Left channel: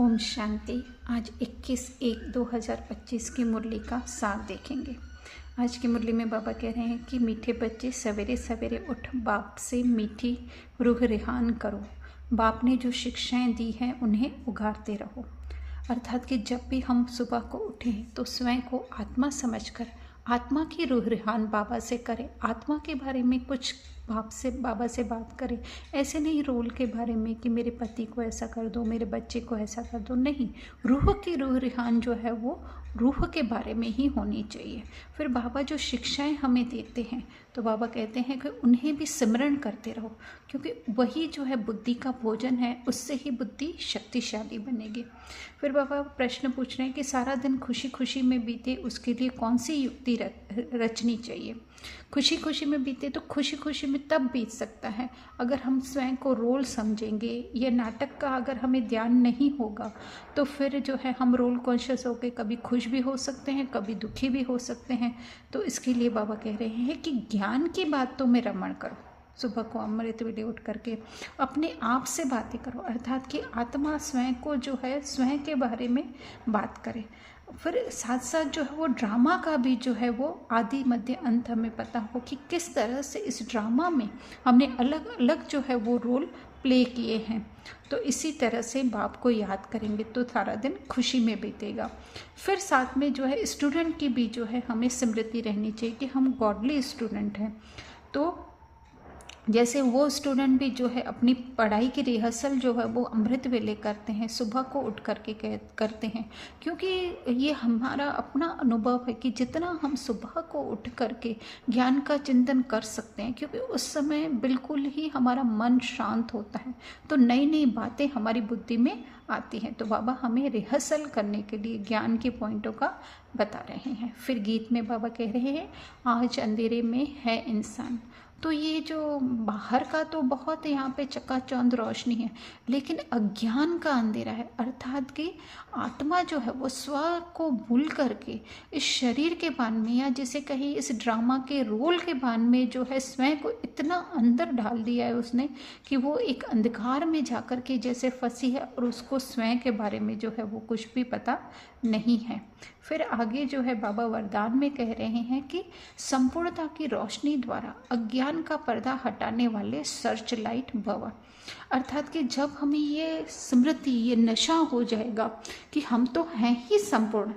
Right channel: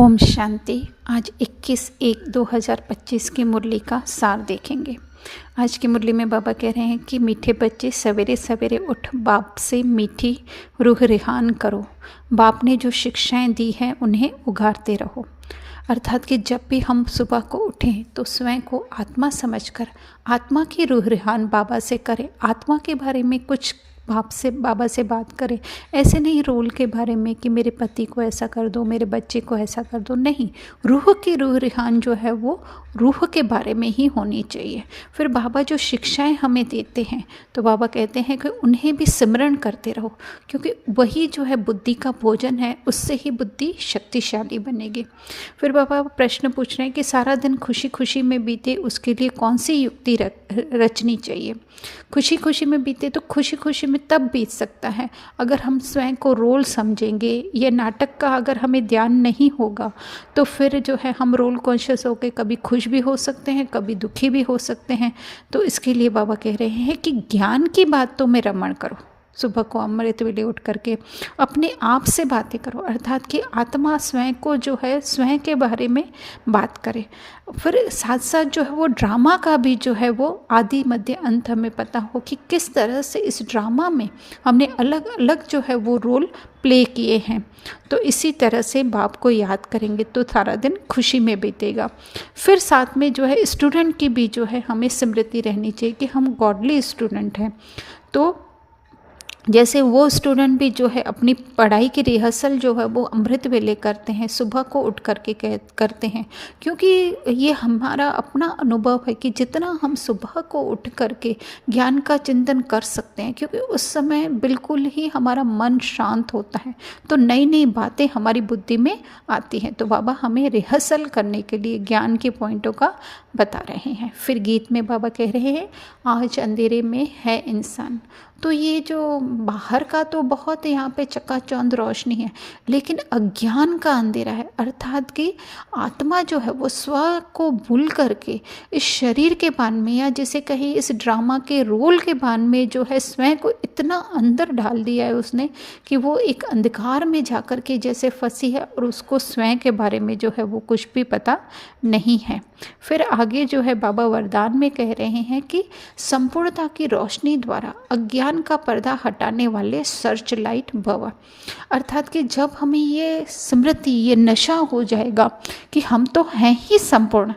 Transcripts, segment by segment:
ओम शांति। आज 21/1/2025 की मुरली का सार देखेंगे। आज की मुरली में बाबा कह रहे हैं कि मीठे बच्चे सवेरे सवेरे उठ बाप से मीठी रूह रिहान करो। बाप ने जो शिक्षाएं दी हैं उन्हें उगारते रहो। अर्थात कि जब भी हम सुबह को उठें तो स्वयं को आत्मा समझकर आत्मा की रूह रिहान बाबा से करें। आत्मा के बारे में कुछ बाबा से बात करें। ऐसे नहीं रोल के बारे में कि मेरे पति को ऐसा कर दो, मेरे बच्चे को ऐसा कर दो, नहीं। रूह की रूह रिहान जो है वो रूह के बारे में ही होनी चाहिए। फिर बाबा जो शिक्षाएं हमें देते हैं तो बाबा कहते हैं कि उन्हें भी सिमरण करते रहो, क्योंकि वही जो है बुद्धि का भोजन है, उससे ही बुद्धि शक्तिशाली बनेगी। फिर बाबा प्रश्न पूछ रहे हैं कि सारा दिन खुशी खुशी में बीते, उसके लिए कौन सी युक्ति रचनी चाहिए। खुशी खुशी में बीते तो खुशी खुशी में तब बीत सकता है अगर हम स्वयं को रोल समझेंगे। ये नाटक का अगर हमें ध्यान नहीं होगा तो फिर जो है हम रोल कॉन्शियस होकर कभी खुश भी हो सकते हैं, कभी दुखी भी हो सकते हैं। तो इसके लिए बाबा कह रहे हैं कि ज्ञान की बातों में रमण करो। सुबह को अमृत वेले उठ करके अपने आप से बातें करो, अर्थात कि आत्मा स्वयं को जो है स्वयं के बारे में बात करे। फिर साथ साथ जो है वो ड्रामा का भी जो है वो आदि मध्य अंत हमें पता हो कि किस तरह से इस ड्रामा में हमने अलग अलग जो है वो रोल प्ले किए हैं। तो इसी तरह से बाप को याद करेंगे तो सारा दिन खुशी में बीतेगा। फिर साथ में जो है स्टूडेंट की भी जो है हमें स्मृति रहनी चाहिए कि हम गॉडली स्टूडेंट हैं। तो जैसे वो स्टूडेंट भी जो है अपनी पढ़ाई की रिहर्सल जो है वो अमृत वेले करते हैं, सुबह को उठ करके करते हैं, क्योंकि ये हमारा अपना अनुभव है कि जितना हम सुबह को उठ करके ज्ञान का चिंतन कर सकते हैं, क्योंकि उस समय बिल्कुल ही हमारा मन शांत होता है, तो नई नई बातें हमारी बुद्धि में आती हैं। तो बाबा हमें रिहर्सल करने के लिए ज्ञान के पॉइंटों का बता रहे हैं। फिर गीत में बाबा कह रहे हैं आज अंधेरे में है इंसान। तो ये जो बाहर का तो बहुत यहाँ पे चकाचौंध रोशनी है, लेकिन अज्ञान का अंधेरा है, अर्थात कि आत्मा जो है वो स्व को भूल करके इस शरीर के बान में, या जिसे कहीं इस ड्रामा के रोल के बान में जो है स्वयं को इतना अंदर डाल दिया है उसने कि वो एक अंधकार में जाकर के जैसे फंसी है और उसको स्वयं के बारे में जो है वो कुछ भी पता नहीं है। फिर आगे जो है बाबा वरदान में कह रहे हैं कि संपूर्णता की रोशनी द्वारा अज्ञान का पर्दा हटाने वाले सर्च लाइट भव। अर्थात कि जब हमें ये स्मृति, ये नशा हो जाएगा कि हम तो हैं ही संपूर्ण,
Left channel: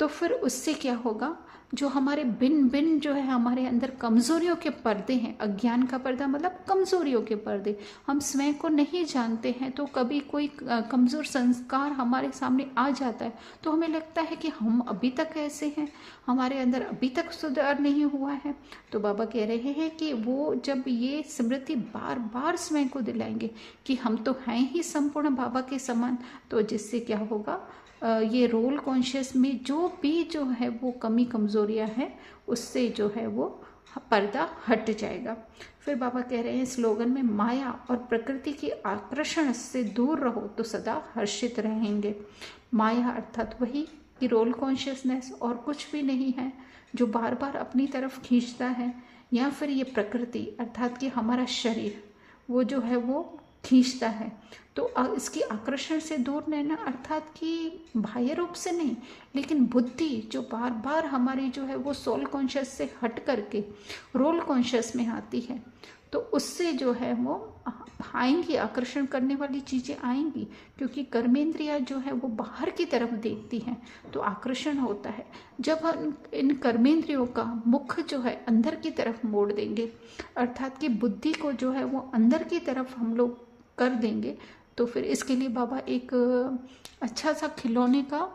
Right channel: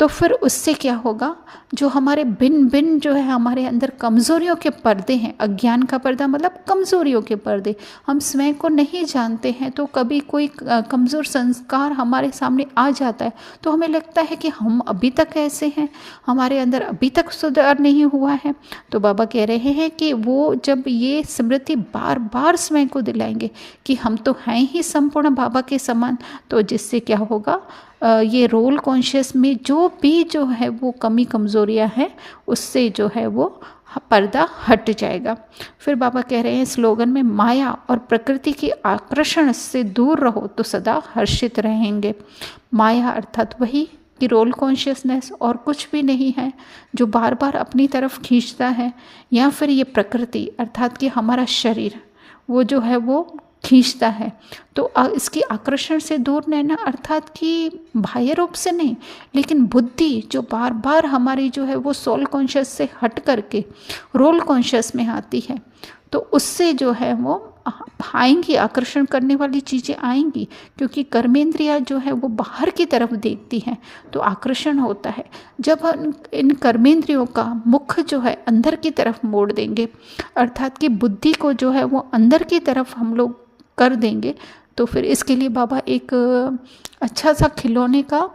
तो फिर उससे क्या होगा, जो हमारे बिन बिन जो है हमारे अंदर कमज़ोरियों के पर्दे हैं, अज्ञान का पर्दा मतलब कमज़ोरियों के पर्दे, हम स्वयं को नहीं जानते हैं। तो कभी कोई कमज़ोर संस्कार हमारे सामने आ जाता है तो हमें लगता है कि हम अभी तक ऐसे हैं, हमारे अंदर अभी तक सुधार नहीं हुआ है। तो बाबा कह रहे हैं कि वो जब ये स्मृति बार बार स्वयं को दिलाएंगे कि हम तो हैं ही संपूर्ण बाबा के समान, तो जिससे क्या होगा, ये रोल कॉन्शियस में जो भी जो है वो कमी कमज़ोरियाँ हैं उससे जो है वो पर्दा हट जाएगा। फिर बाबा कह रहे हैं स्लोगन में माया और प्रकृति की आकर्षण से दूर रहो तो सदा हर्षित रहेंगे। माया अर्थात वही कि रोल कॉन्शियसनेस और कुछ भी नहीं है, जो बार बार अपनी तरफ खींचता है, या फिर ये प्रकृति अर्थात कि हमारा शरीर वो जो है वो खींचता है। तो इसकी आकर्षण से दूर रहना अर्थात कि बाह्य रूप से नहीं, लेकिन बुद्धि जो बार बार हमारी जो है वो सोल कॉन्शियस से हट करके रोल कॉन्शियस में आती है, तो उससे जो है वो आएंगी, आकर्षण करने वाली चीज़ें आएंगी, क्योंकि कर्मेंद्रिया जो है वो बाहर की तरफ देखती हैं तो आकर्षण होता है। जब हम इन कर्मेंद्रियों का मुख जो है अंदर की तरफ मोड़ देंगे, अर्थात कि बुद्धि को जो है वो अंदर की तरफ हम लोग कर देंगे, तो फिर इसके लिए बाबा एक अच्छा सा खिलौने का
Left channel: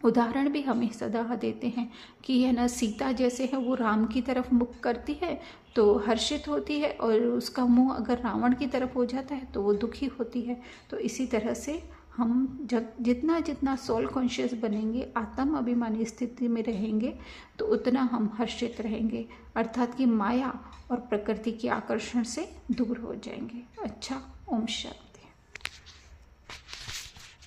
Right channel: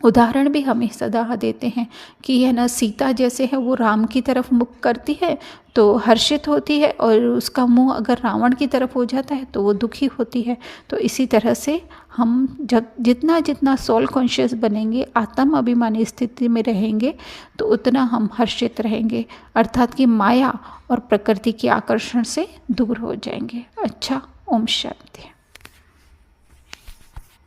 उदाहरण भी हमें सदा देते हैं कि यह ना सीता जैसे है वो राम की तरफ मुख करती है तो हर्षित होती है, और उसका मुंह अगर रावण की तरफ हो जाता है तो वो दुखी होती है। तो इसी तरह से हम जब जितना जितना सोल कॉन्शियस बनेंगे, आत्म अभिमानी स्थिति में रहेंगे, तो उतना हम हर्षित रहेंगे, अर्थात कि माया और प्रकृति के आकर्षण से दूर हो जाएंगे। अच्छा, ओम शांति।